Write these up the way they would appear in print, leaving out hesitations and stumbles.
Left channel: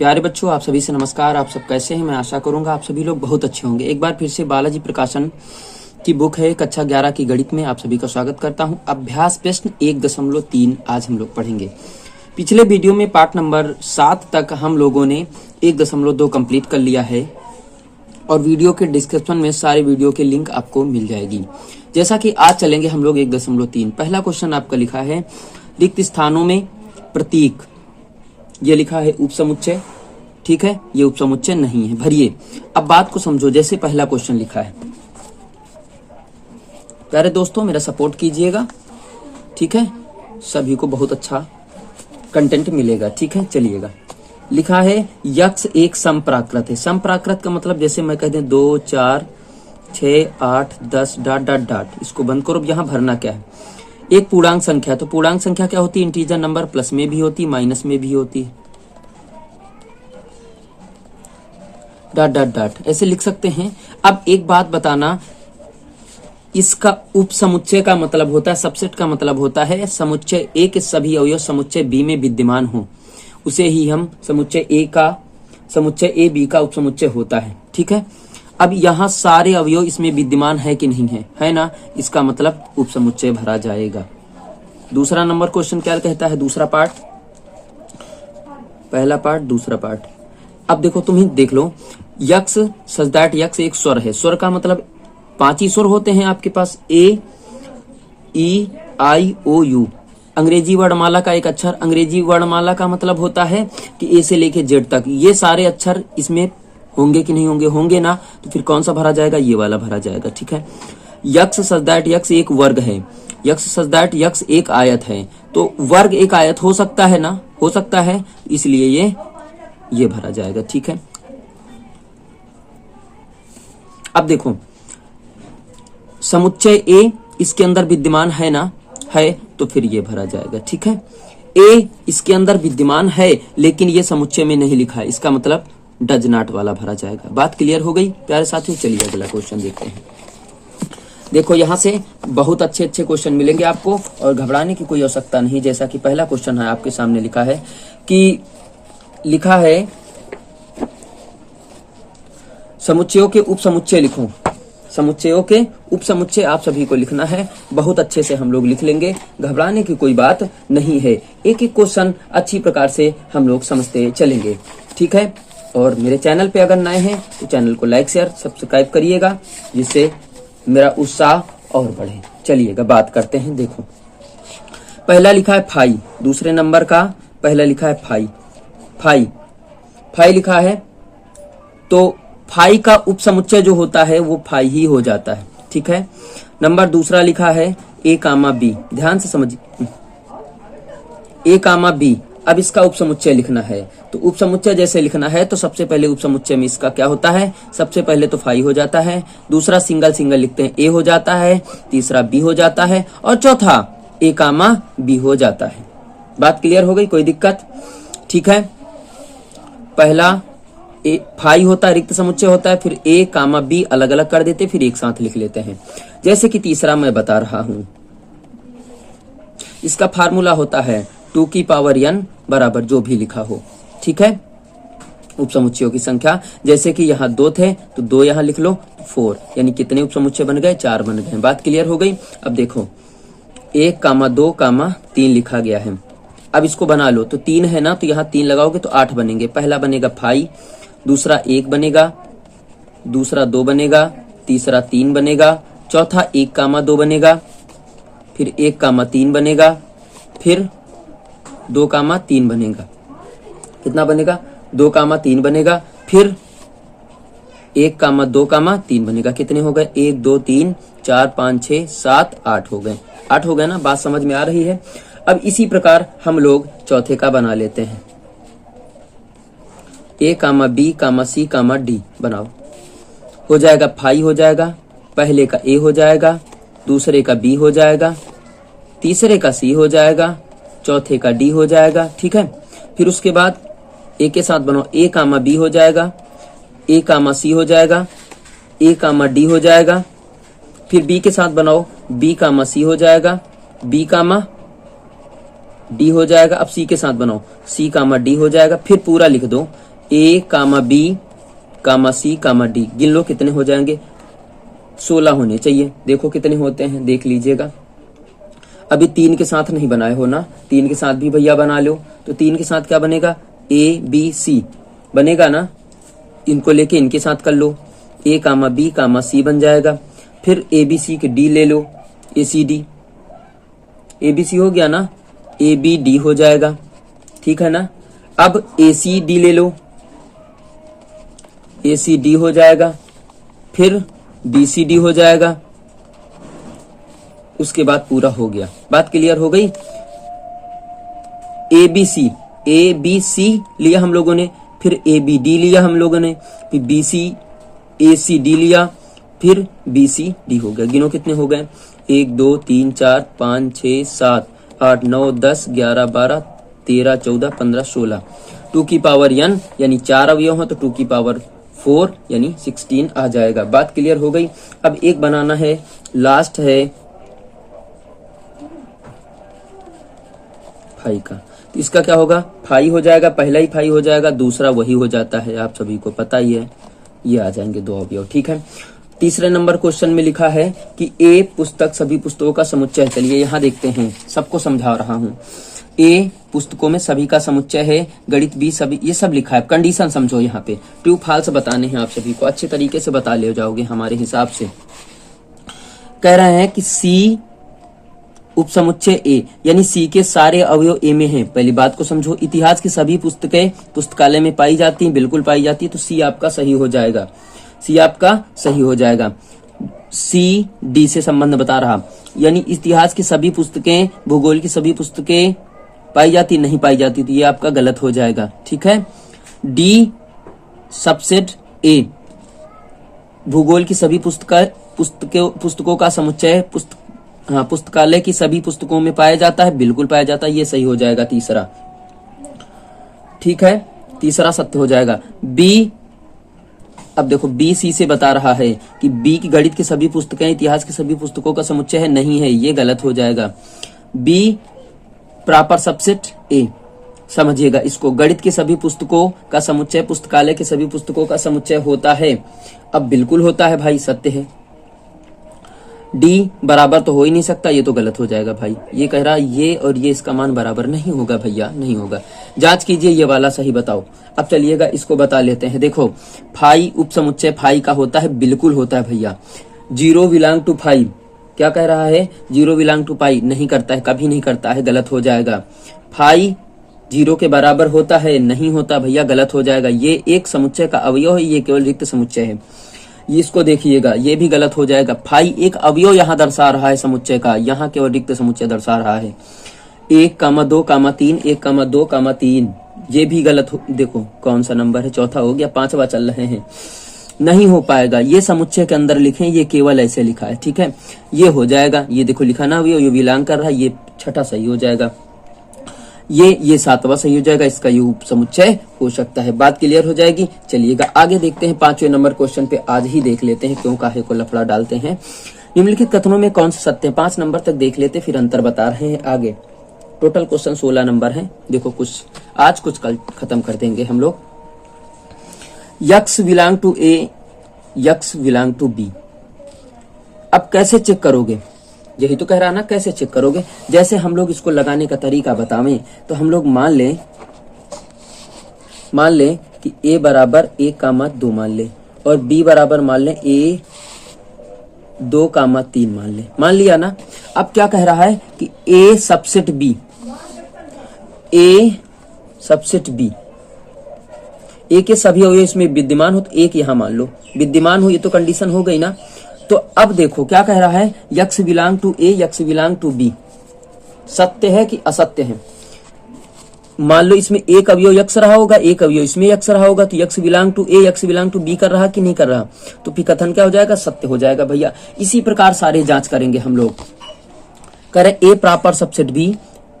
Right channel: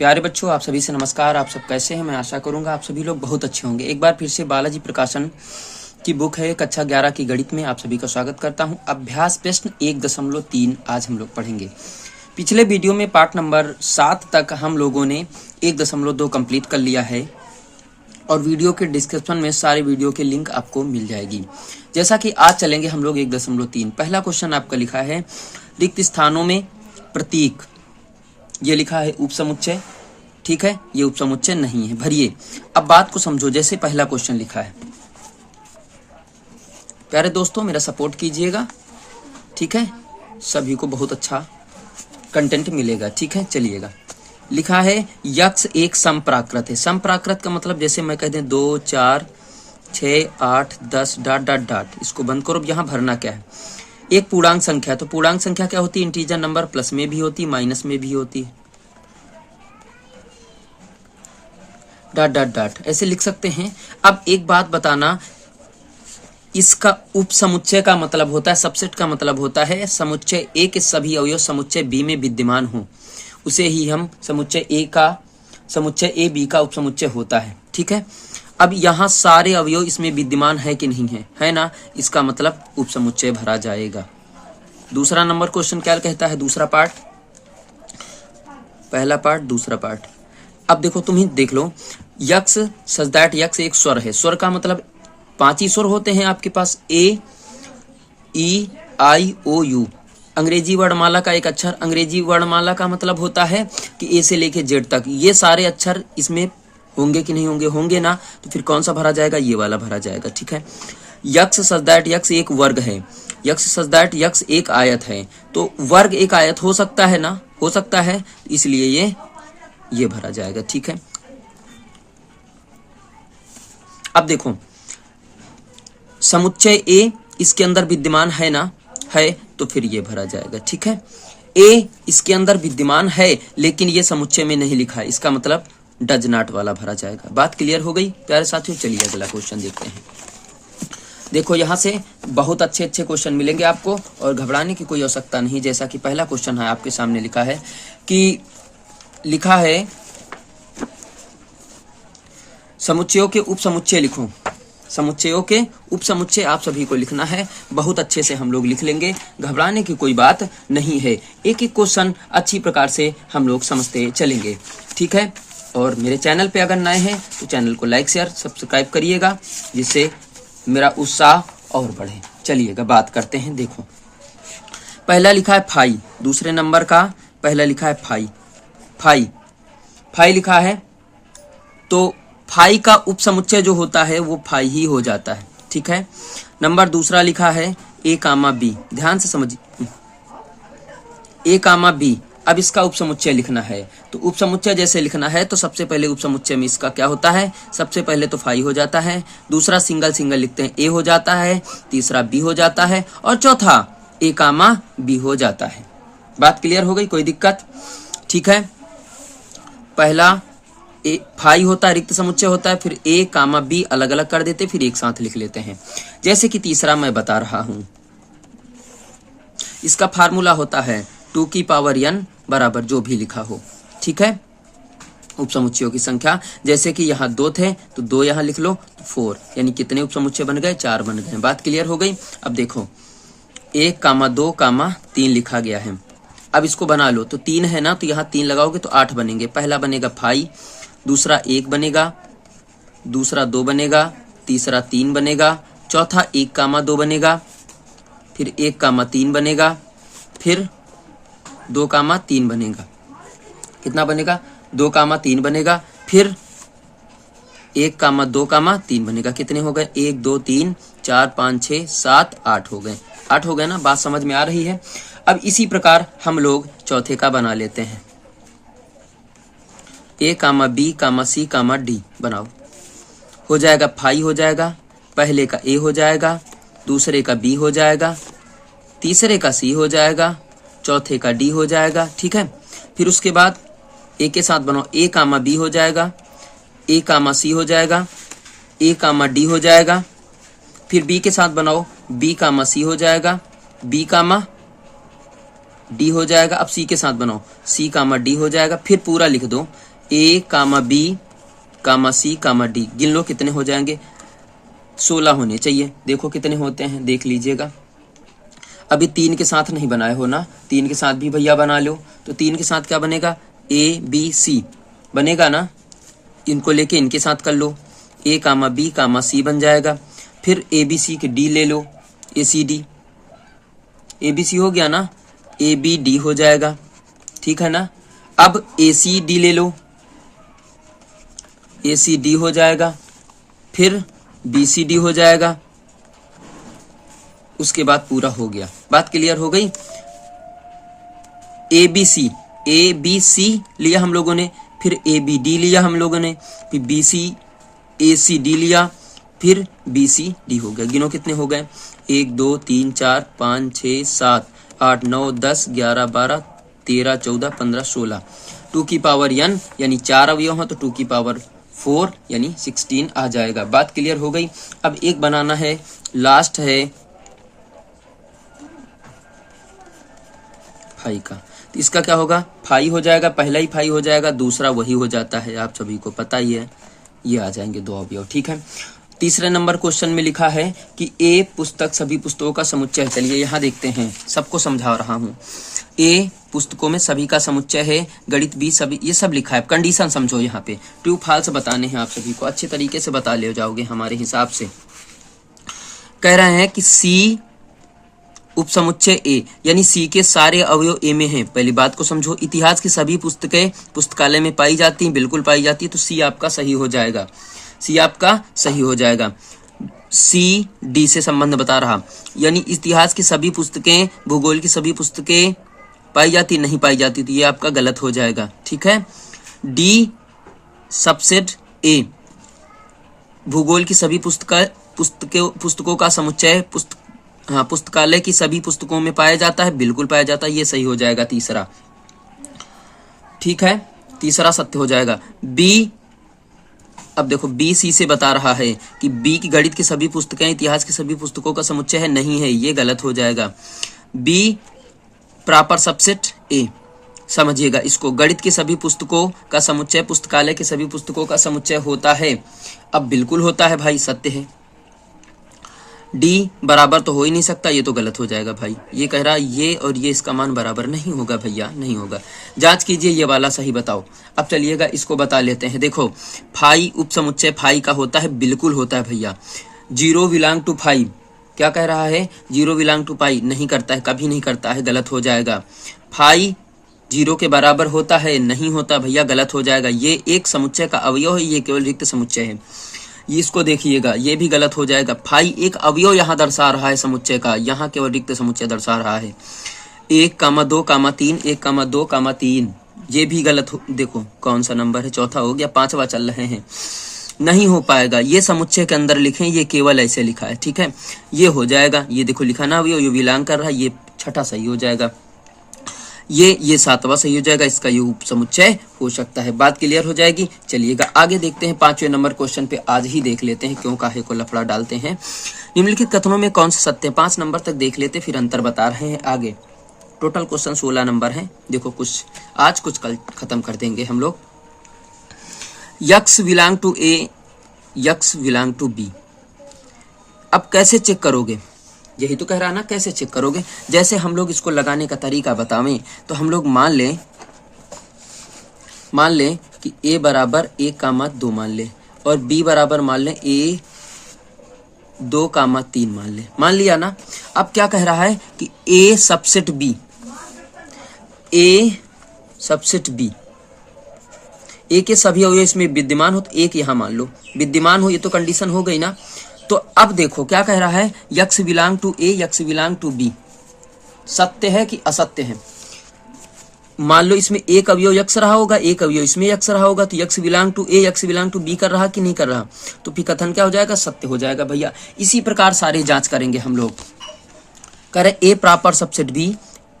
प्यारे बच्चों, आप सभी से नमस्कार। आप सब कैसे हैं? मैं आशा करूंगा आप सभी लोग बहुत अच्छे होंगे। एक बार फिर से बालाजी प्रकाशन की बुक है कक्षा 11 की गणित में आप सभी का स्वागत करता हूं। अभ्यास प्रश्न 1.3 आज हम लोग पढ़ेंगे। पिछले वीडियो में पार्ट नंबर 7 तक हम लोगों ने 1.2 कंप्लीट कर लिया है और वीडियो के डिस्क्रिप्शन में सारे वीडियो के लिंक आपको मिल जाएगी। जैसा कि आज चलेंगे हम लोग 1.3। पहला क्वेश्चन आपका लिखा है रिक्त स्थानों में प्रतीक, ये लिखा है उपसमुच्चय। ठीक है, ये उपसमुच्चय नहीं है, भरिए। अब बात को समझो। जैसे पहला क्वेश्चन लिखा है, प्यारे दोस्तों मेरा सपोर्ट कीजिएगा, ठीक है, सभी को बहुत अच्छा कंटेंट मिलेगा। ठीक है, चलिएगा। लिखा है यक्ष एक समप्राकृत है। समप्राकृत का मतलब जैसे मैं कह दें 2, 4, 6, 8, 10 ... इसको बंद करो। अब यहाँ भरना क्या है? एक पूर्णांक संख्या है, तो पूर्णांक संख्या क्या होती है? इंटीजर नंबर, प्लस में भी होती, माइनस में भी होती, ... ऐसे लिख सकते हैं। अब एक बात बताना, इसका उपसमुच्चय का मतलब होता है, सबसेट का मतलब होता है समुच्चय ए के सभी अवयव समुच्चय बी में विद्यमान हो, उसे ही हम समुच्चय ए बी का उपसमुच्चय होता है। ठीक है, अब यहाँ सारे अवयव इसमें विद्यमान है कि नहीं है? है ना, इसका मतलब उपसमुच्चय भरा जाएगा। दूसरा नंबर क्वेश्चन क्या कहता है? दूसरा पार्ट, पहला पार्ट दूसरा पार्ट। अब देखो, तुम ही देख लो। यक्ष सच दैट यक्ष एक स्वर है। स्वर का मतलब 5 ही स्वर होते हैं आपके पास, ए, ई, आई, ओ, यू। अंग्रेजी वर्णमाला का एक अक्षर, अंग्रेजी वर्णमाला का मतलब होता है कि ए से लेके जेड तक ये सारे अक्षर इसमें होंगे कि नहीं होंगे? होंगे ना, तो फिर कौन सा भरा जाएगा? ये वाला भरा जाएगा। ठीक है, यक्ष सच दैट यक्ष एक वर्ग है, यक्ष सच दैट यक्ष एक आयत है, तो वर्ग एक आयत हो सकता है ना? हो सकता है, इसलिए ये भरा जाएगा। ठीक है, अब देखो, समुच्चय ए इसके अंदर विद्यमान है ना? है, तो फिर ये भरा जाएगा। ठीक है, ए इसके अंदर विद्यमान है लेकिन ये समुच्चय में नहीं लिखा है, इसका मतलब डज नॉट वाला भरा जाएगा। बात क्लियर हो गई प्यारे साथियों? चलिए अगला क्वेश्चन देखते हैं। देखो, यहाँ से बहुत अच्छे अच्छे क्वेश्चन मिलेंगे आपको और घबराने की कोई आवश्यकता नहीं। जैसा कि पहला क्वेश्चन है आपके सामने लिखा है कि लिखा है समुच्चयों के उपसमुच्चय लिखो। समुच्चयों के उपसमुच्चय आप सभी को लिखना है, बहुत अच्छे से हम लोग लिख लेंगे, घबराने की कोई बात नहीं है। एक एक क्वेश्चन अच्छी प्रकार से हम लोग समझते चलेंगे। ठीक है, और मेरे चैनल पे अगर नए हैं तो चैनल को लाइक शेयर सब्सक्राइब करिएगा, जिससे मेरा उत्साह और बढ़े। चलिएगा बात करते हैं। देखो, पहला लिखा है फाई, दूसरे नंबर का पहला लिखा है फाई। फाई लिखा है, तो फाई का उपसमुच्चय जो होता है वो फाई ही हो जाता है। ठीक है, नंबर दूसरा लिखा है ए कामा बी, ध्यान से समझिए, ए कामा बी। अब इसका उपसमुच्चय लिखना है, तो उपसमुच्चय जैसे लिखना है तो सबसे पहले उपसमुच्चय में इसका क्या होता है? सबसे पहले तो फाई हो जाता है, दूसरा सिंगल लिखते हैं ए हो जाता है, तीसरा बी हो जाता है और चौथा ए कामा बी हो जाता है। बात क्लियर हो गई? कोई दिक्कत? ठीक है, पहला ए फाई होता है, रिक्त समुच्चय होता है, फिर ए कामा बी अलग अलग कर देते, फिर एक साथ लिख लेते हैं। जैसे कि तीसरा मैं बता रहा हूं, इसका फार्मूला होता है 2 की पावर n बराबर जो भी लिखा हो। ठीक है, उपसमुच्चयों की संख्या, जैसे कि यहाँ 2 थे तो 2 यहाँ लिख लो, 4, यानी कितने उपसमुच्चय बन गए? 4 बन गए। बात क्लियर हो गई? अब देखो, 1, 2, 3 लिखा गया है। अब इसको बना लो, तो 3 है ना, तो यहाँ 3 लगाओगे तो 8 बनेंगे। पहला बनेगा फाई, दूसरा 1 बनेगा, दूसरा 2 बनेगा, तीसरा 3 बनेगा, चौथा 1, 2 बनेगा, फिर 1, 3 बनेगा, फिर 2, 3 बनेगा। कितना बनेगा? 2, 3 बनेगा, फिर 1, 2, 3 बनेगा। कितने हो गए? 1, 2, 3, 4, 5, 6, 7, 8 हो गए। 8 हो गए ना? बात समझ में आ रही है? अब इसी प्रकार हम लोग चौथे का बना लेते हैं। ए कामा बी कामा सी कामा डी बनाओ, हो जाएगा फाई हो जाएगा, पहले का ए हो जाएगा, दूसरे का बी हो जाएगा, तीसरे का सी हो जाएगा, चौथे का डी हो जाएगा। ठीक है, फिर उसके बाद ए के साथ बनाओ, ए कामा बी हो जाएगा, ए कामा सी हो जाएगा, ए कामा डी हो जाएगा, फिर बी के साथ बनाओ, बी कामा सी हो जाएगा, बी कामा डी हो जाएगा। अब सी के साथ बनाओ, सी कामा डी हो जाएगा, फिर पूरा लिख दो, ए कामा बी कामा सी कामा डी, गिन लो कितने हो जाएंगे, 16 होने चाहिए। देखो कितने होते हैं, देख लीजिएगा। अभी 3 के साथ नहीं बनाए हो ना, 3 के साथ भी भैया बना लो। तो 3 के साथ क्या बनेगा, ए बी सी बनेगा ना, इनको लेके इनके साथ कर लो, ए कामा बी कामा सी बन जाएगा। फिर ए बी सी के डी ले लो, ए C D, A B C हो गया ना, ए बी डी हो जाएगा, ठीक है ना। अब ए सी डी ले लो, ए सी डी हो जाएगा। फिर बी सी डी हो जाएगा। उसके बाद पूरा हो गया, बात क्लियर हो गई। ए बी सी लिया हम लोगों ने, फिर ए बी डी लिया हम लोगों ने, फिर बी सी ए सी डी लिया, फिर बी सी डी हो गया। गिनो कितने हो गए, 1 2 3 4 5 6 7 8 9 10 11 12 13 14 15 16, 2 की पावर n यानी 4 अवयव हैं तो 2 की पावर 4 यानी 16 आ जाएगा। बात क्लियर हो गई। अब एक बनाना है, लास्ट है फाई का, तो इसका क्या होगा, फाई हो जाएगा, पहला ही फाई हो जाएगा, दूसरा वही हो जाता है, आप सभी को पता ही है, ये आ जाएंगे 2 अवयव, ठीक है। तीसरे नंबर क्वेश्चन में लिखा है कि ए पुस्तक सभी पुस्तकों का समुच्चय है। चलिए यहाँ देखते हैं, सबको समझा रहा हूँ। ए पुस्तकों में सभी का समुच्चय है, गणित बी सभी, ये सब लिखा है। कंडीशन समझो, यहाँ पे ट्रू फॉल्स बताने हैं आप सभी को, अच्छे तरीके से बता ले जाओगे हमारे हिसाब से। कह रहे हैं कि सी उपसमुच्चय ए, यानी सी के सारे अवयव ए में हैं। पहली बात को समझो, इतिहास की सभी पुस्तकें पुस्तकालय में पाई जाती हैं, बिल्कुल पाई जाती है, तो सी आपका सही हो जाएगा, सी आपका सही हो जाएगा। सी डी से संबंध बता रहा, यानी इतिहास की सभी पुस्तकें, भूगोल की सभी पुस्तकें पाई जाती नहीं पाई जाती, तो ये आपका गलत हो जाएगा, ठीक है। डी सबसेट ए, भूगोल की सभी पुस्तकों का समुच्चय पुस्तकालय की सभी पुस्तकों में पाया जाता है, बिल्कुल पाया जाता है, ये सही हो जाएगा तीसरा, ठीक है, तीसरा सत्य हो जाएगा। बी, अब देखो बी सी से बता रहा है कि बी की गणित की सभी पुस्तकें इतिहास की सभी पुस्तकों का समुच्चय है, नहीं है, ये गलत हो जाएगा। बी प्रॉपर सबसेट ए, समझिएगा इसको, गणित की सभी पुस्तकों का समुच्चय पुस्तकालय के सभी पुस्तकों का समुच्चय होता है, अब बिल्कुल होता है भाई, सत्य है। डी बराबर तो हो ही नहीं सकता, ये तो गलत हो जाएगा भाई, ये कह रहा है ये और ये इसका मान बराबर नहीं होगा भैया, नहीं होगा, जांच कीजिए, ये वाला सही बताओ। अब चलिएगा इसको बता लेते हैं। देखो फाई उपसमुच्चय फाई का होता है, बिल्कुल होता है भैया। 0 बिलोंग टू फाई, क्या कह रहा है, 0 बिलोंग टू पाई, नहीं करता है, कभी नहीं करता है, गलत हो जाएगा। फाई 0 के बराबर होता है, नहीं होता भैया, गलत हो जाएगा। ये एक समुच्चय का अवयव है, ये केवल रिक्त समुच्चय है, इसको देखिएगा, ये भी गलत हो जाएगा। फाई एक अवयव यहाँ दर्शा रहा है समुच्चय का, यहाँ केवल रिक्त समुच्चय दर्शा रहा है। 1, 2, 3, 1, 2, 3, ये भी गलत हो, देखो कौन सा नंबर है, चौथा हो गया, 5वां चल रहे हैं, नहीं हो पाएगा। ये समुच्चय के अंदर लिखें, ये केवल ऐसे लिखा है, ठीक है, ये हो जाएगा। ये देखो लिखा ना अवयव, ये बिलोंग कर रहा है, ये छठा सही हो जाएगा, ये 7वां सही हो जाएगा, इसका ये उप समुच्चय हो सकता है। बात क्लियर हो जाएगी। चलिएगा आगे देखते हैं, 5वें नंबर क्वेश्चन पे आज ही देख लेते हैं, क्यों काहे को लफड़ा डालते हैं। निम्नलिखित कथनों में कौन सा सत्य है, 5 नंबर तक देख लेते, फिर अंतर बता रहे हैं आगे। टोटल क्वेश्चन 16 नंबर है, देखो कुछ आज कुछ कल खत्म कर देंगे हम लोग। X belong to A, x belong to B, अब कैसे चेक करोगे, यही तो कह रहा ना, कैसे चेक करोगे। जैसे हम लोग इसको लगाने का तरीका बतावें, तो हम लोग मान लें कि a बराबर 1, 2 मान ले, और b बराबर मान लें a 2, 3 मान ले, मान लिया ना। अब क्या कह रहा है कि a subset b, a subset b, a के सभी अवयव इसमें विद्यमान हो, तो एक यहां मान लो विद्यमान हो, ये तो कंडीशन हो गई ना। तो अब देखो क्या कह रहा है, x belong to A, x belong to B, सत्य है कि असत्य है। मान लो इसमें एक अवयव यक्स रहा होगा, एक अवयव इसमें यक्स रहा होगा, तो x belong to A, x belong to B कर रहा कि नहीं कर रहा, तो फिर कथन क्या हो जाएगा, सत्य हो जाएगा भैया। इसी प्रकार सारे जांच करेंगे हम लोग, करें A proper subset B,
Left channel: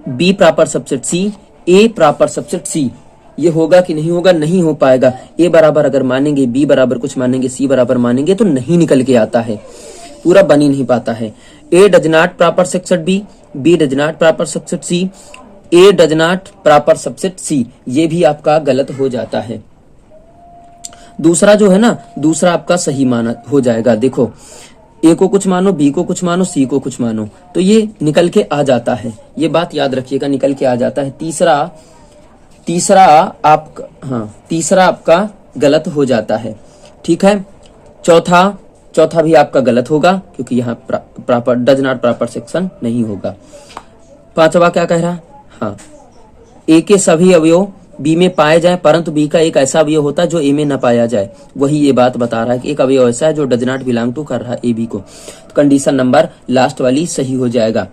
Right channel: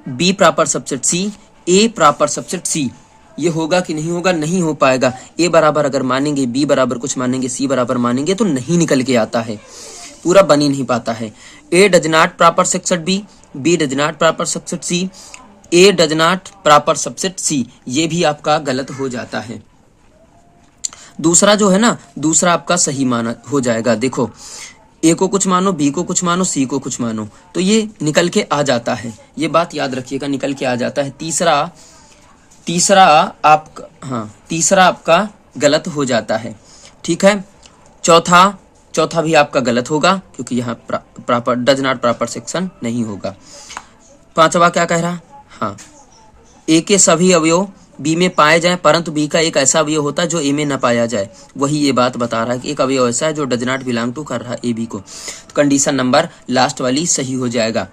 B proper subset C, A proper subset C, ये होगा कि नहीं होगा, नहीं हो पाएगा। ए बराबर अगर मानेंगे, बी बराबर कुछ मानेंगे, सी बराबर मानेंगे, तो नहीं निकल के आता है, पूरा बन ही नहीं पाता है। A does not proper subset B, B does not proper subset C, A does not proper subset C, ये भी आपका गलत हो जाता है, दूसरा जो है ना, दूसरा आपका सही माना हो जाएगा। देखो, ए को कुछ मानो, बी को कुछ मानो, सी को कुछ मानो, तो ये निकल के आ जाता है। ये बात याद रखिएगा, निकल के आ जाता है। तीसरा आपका गलत हो जाता है, ठीक है। चौथा भी आपका गलत होगा, क्योंकि यहाँ proper does not proper section नहीं होगा। पांचवा क्या कह रहा, हाँ, ए के सभी अवयव बी में पाए जाएं, परंतु बी का एक ऐसा अवयव होता है जो ए में न पाया जाए। वही ये बात बता रहा है कि एक अवयव ऐसा है जो डज नॉट बिलोंग टू कर रहा है ए बी को। तो कंडीशन नंबर लास्ट वाली सही हो जाएगा,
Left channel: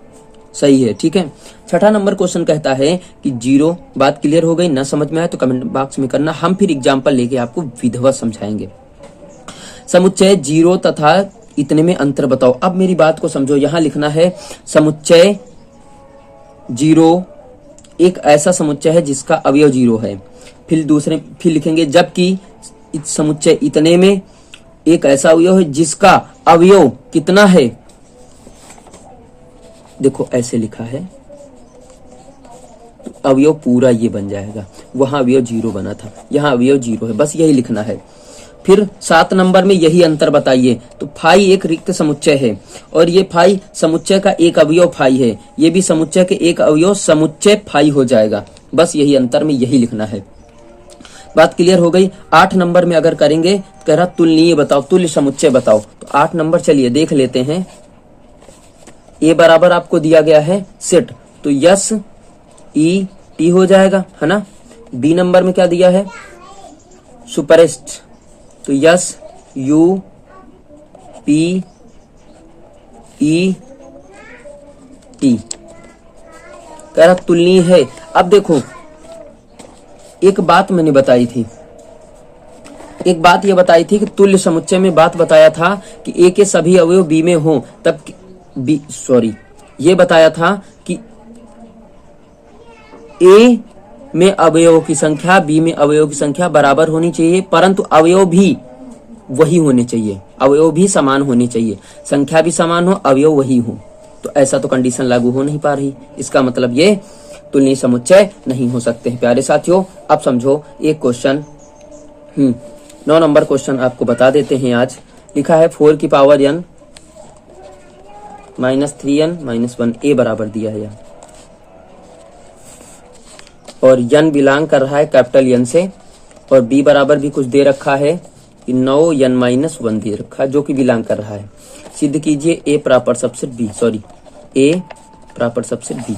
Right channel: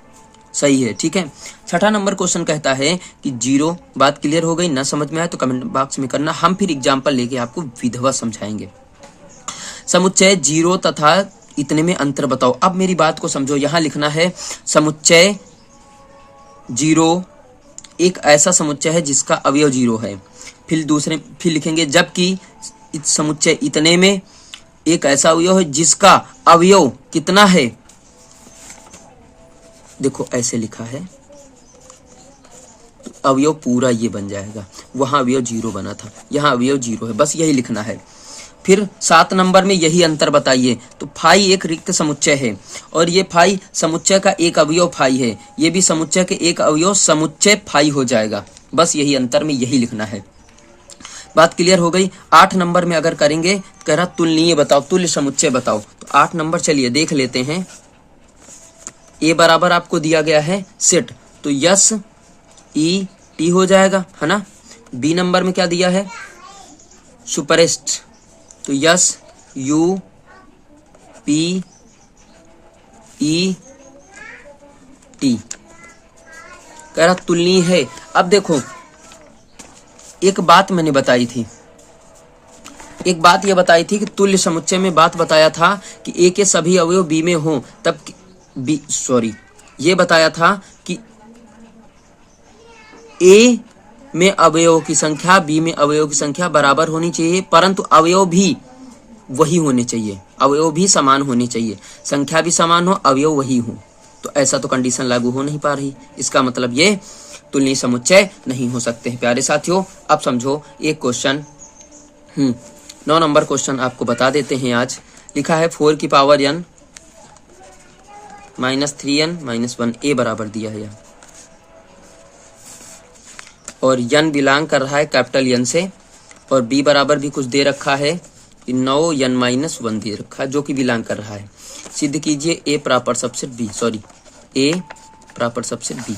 सही है, ठीक है। छठा नंबर क्वेश्चन कहता है कि जीरो, बात क्लियर हो गई, ना समझ में आए तो कमेंट बॉक्स में करना, हम फिर एग्जाम्पल लेके आपको विधिवत समझाएंगे। समुच्चय जीरो तथा इतने में अंतर बताओ। अब मेरी बात को समझो, यहां लिखना है समुच्चय जीरो एक ऐसा समुच्चय है जिसका अवयव जीरो है। फिर लिखेंगे जबकि समुच्चय इतने में एक ऐसा अवयव है जिसका अवयव कितना है। देखो ऐसे लिखा है, अवयव पूरा ये बन जाएगा, वहां अवयव जीरो बना था, यहाँ अवयव जीरो है, बस यही लिखना है। फिर 7 नंबर में यही अंतर बताइए। तो फाई एक रिक्त समुच्चय है और ये फाई समुच्चय का एक अवयव फाई है, ये भी समुच्चय के एक अवयव समुच्चय फाई हो जाएगा। बस यही अंतर में यही लिखना है। बात क्लियर हो गई। 8 नंबर में अगर करेंगे, कह रहा तुलनीय बताओ, तुल्य समुच्चय बताओ। तो 8 नंबर चलिए देख लेते हैं। ए बराबर आपको दिया गया है सेट, तो यस ई टी हो जाएगा, है ना। बी नंबर में क्या दिया है, सुपरेस्ट, तो yes U P E T. कह रहा तुलनीय है। अब देखो, एक बात मैंने बताई थी, एक बात ये बताई थी कि तुल्य समुच्चय में बात बताया था कि ए के सभी अवयव बी में हों, तब ये बताया था कि ए में अवयवों की संख्या बी में अवयवों की संख्या बराबर होनी चाहिए, परंतु अवयव भी वही होने चाहिए, अवयव भी समान होने चाहिए, संख्या भी समान हो, अवयव वही हो। तो ऐसा तो कंडीशन लागू हो नहीं पा रही, इसका मतलब ये तुलनीय समुच्चय नहीं हो सकते हैं। प्यारे साथियों, अब समझो एक क्वेश्चन 9 नंबर क्वेश्चन आपको बता देते हैं। आज लिखा है 4 की पावर n -3n -1 ए बराबर दिया है और n बिलोंग कर रहा है कैपिटल n से, और b बराबर भी कुछ दे रखा है कि 9n-1 दे रखा है जो कि बिलोंग कर रहा है। सिद्ध कीजिए a प्रॉपर सबसेट b।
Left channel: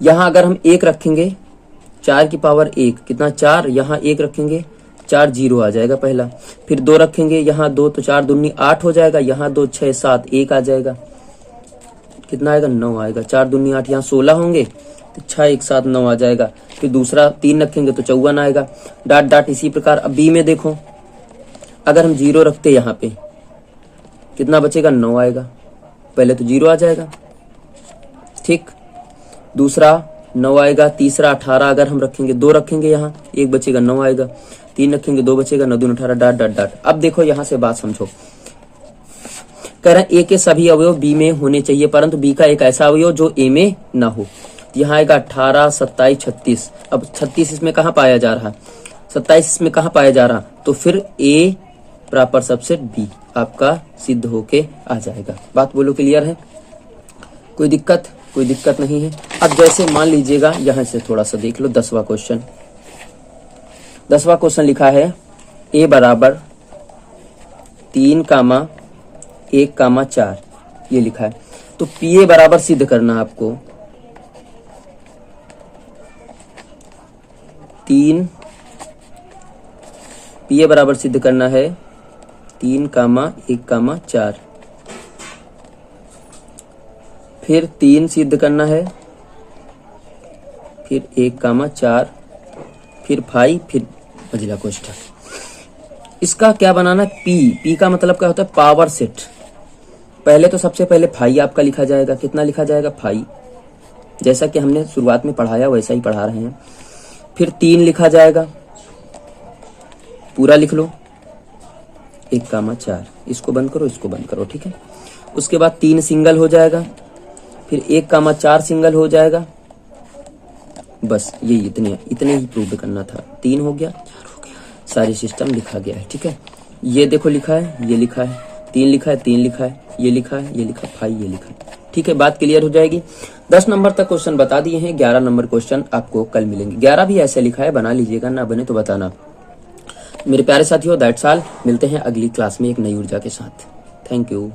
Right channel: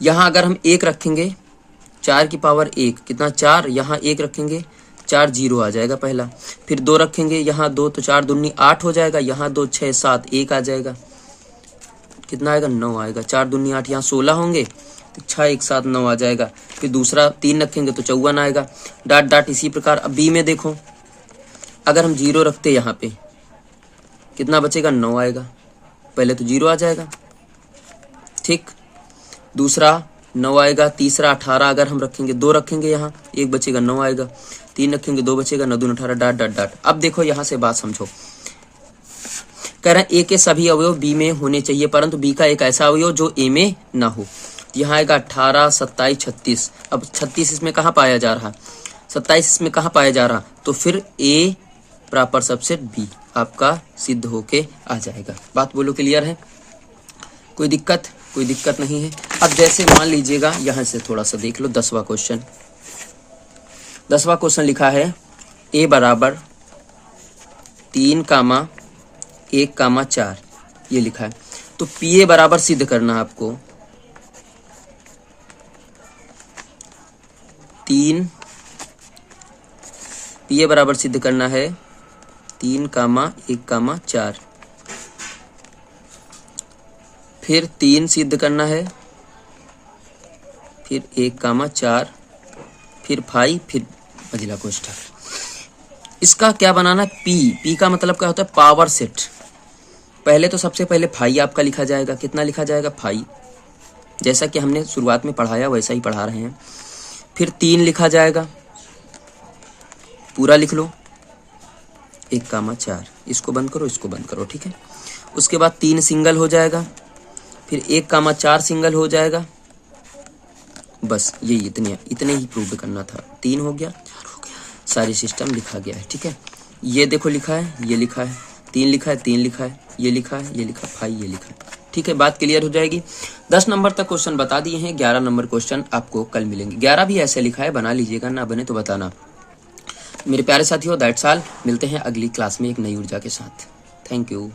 यहाँ अगर हम 1 रखेंगे, 4 की पावर 1 कितना 4, यहाँ 1 रखेंगे 4 0 आ जाएगा पहला। फिर 2 रखेंगे, यहाँ 2, तो 4 दूनी 8 हो जाएगा, यहाँ 2 6 7 1 आ जाएगा, कितना आएगा 9 आएगा। 4 दूनी 8, यहाँ 16 होंगे, तो 6 1 7 9 आ जाएगा। फिर दूसरा 3 रखेंगे तो 54 आएगा। डाट डाट इसी प्रकार। अब बी में देखो, अगर हम 0 रखते यहाँ पे कितना बचेगा 9 आएगा, पहले तो 0 आ जाएगा, ठीक। दूसरा 9 आएगा, तीसरा 18 अगर हम रखेंगे, 2 रखेंगे यहाँ 1 बचेगा 9 आएगा, 3 रखेंगे 2 बचेगा 9 2 18 डाट डाट डाट। अब देखो यहाँ से बात समझो, कह रहे हैं ए के सभी अवयव बी में होने चाहिए, परंतु बी का एक ऐसा अवयव जो ए में ना हो। यहाँ आएगा 18 27 36। अब 36 इसमें कहाँ पाया जा रहा, 27 इसमें कहाँ पाया जा रहा, तो फिर ए प्रॉपर सबसेट बी आपका सिद्ध होके आ जाएगा। बात बोलो क्लियर है, कोई दिक्कत नहीं है। अब जैसे मान लीजिएगा, यहाँ से थोड़ा सा देख लो 10वां क्वेश्चन लिखा है ए बराबर 3, 1, 4 ये लिखा है। तो पी ए बराबर सिद्ध करना आपको 3, पी ए बराबर सिद्ध करना है 3, 1, 4, फिर 3 सिद्ध करना है, फिर 1, 4, फिर 5, फिर अगला कोष्ठक। इसका क्या बनाना, पी का मतलब क्या होता है, पावर सेट। पहले तो सबसे पहले 5 आपका लिखा जाएगा, कितना लिखा जाएगा 5, जैसा कि हमने शुरुआत में पढ़ाया वैसा ही पढ़ा रहे हैं। फिर 3 लिखा जाएगा, पूरा लिख लो, 1, 4, इसको बंद करो, इसको बंद करो, ठीक है। उसके बाद 3 सिंगल हो जाएगा, फिर 1, 4 सिंगल हो जाएगा। बस यही इतने ही प्रूव करना था। 3 हो गया, 4 हो गया, सारी सिस्टम लिखा गया है। ठीक है, ये देखो लिखा है, ये लिखा है, 3 लिखा है, 3 लिखा है, ये लिखा है, ये लिखा है, 5 ये लिखा है। ठीक है, बात क्लियर हो जाएगी। 10 नंबर तक क्वेश्चन बता दिए हैं, 11 नंबर क्वेश्चन आपको कल मिलेंगे। 11 भी ऐसे लिखा है, बना लीजिएगा, ना बने तो बताना। मेरे प्यारे साथियों, दैट्स ऑल। मिलते हैं अगली क्लास में एक नई ऊर्जा के साथ। Thank you.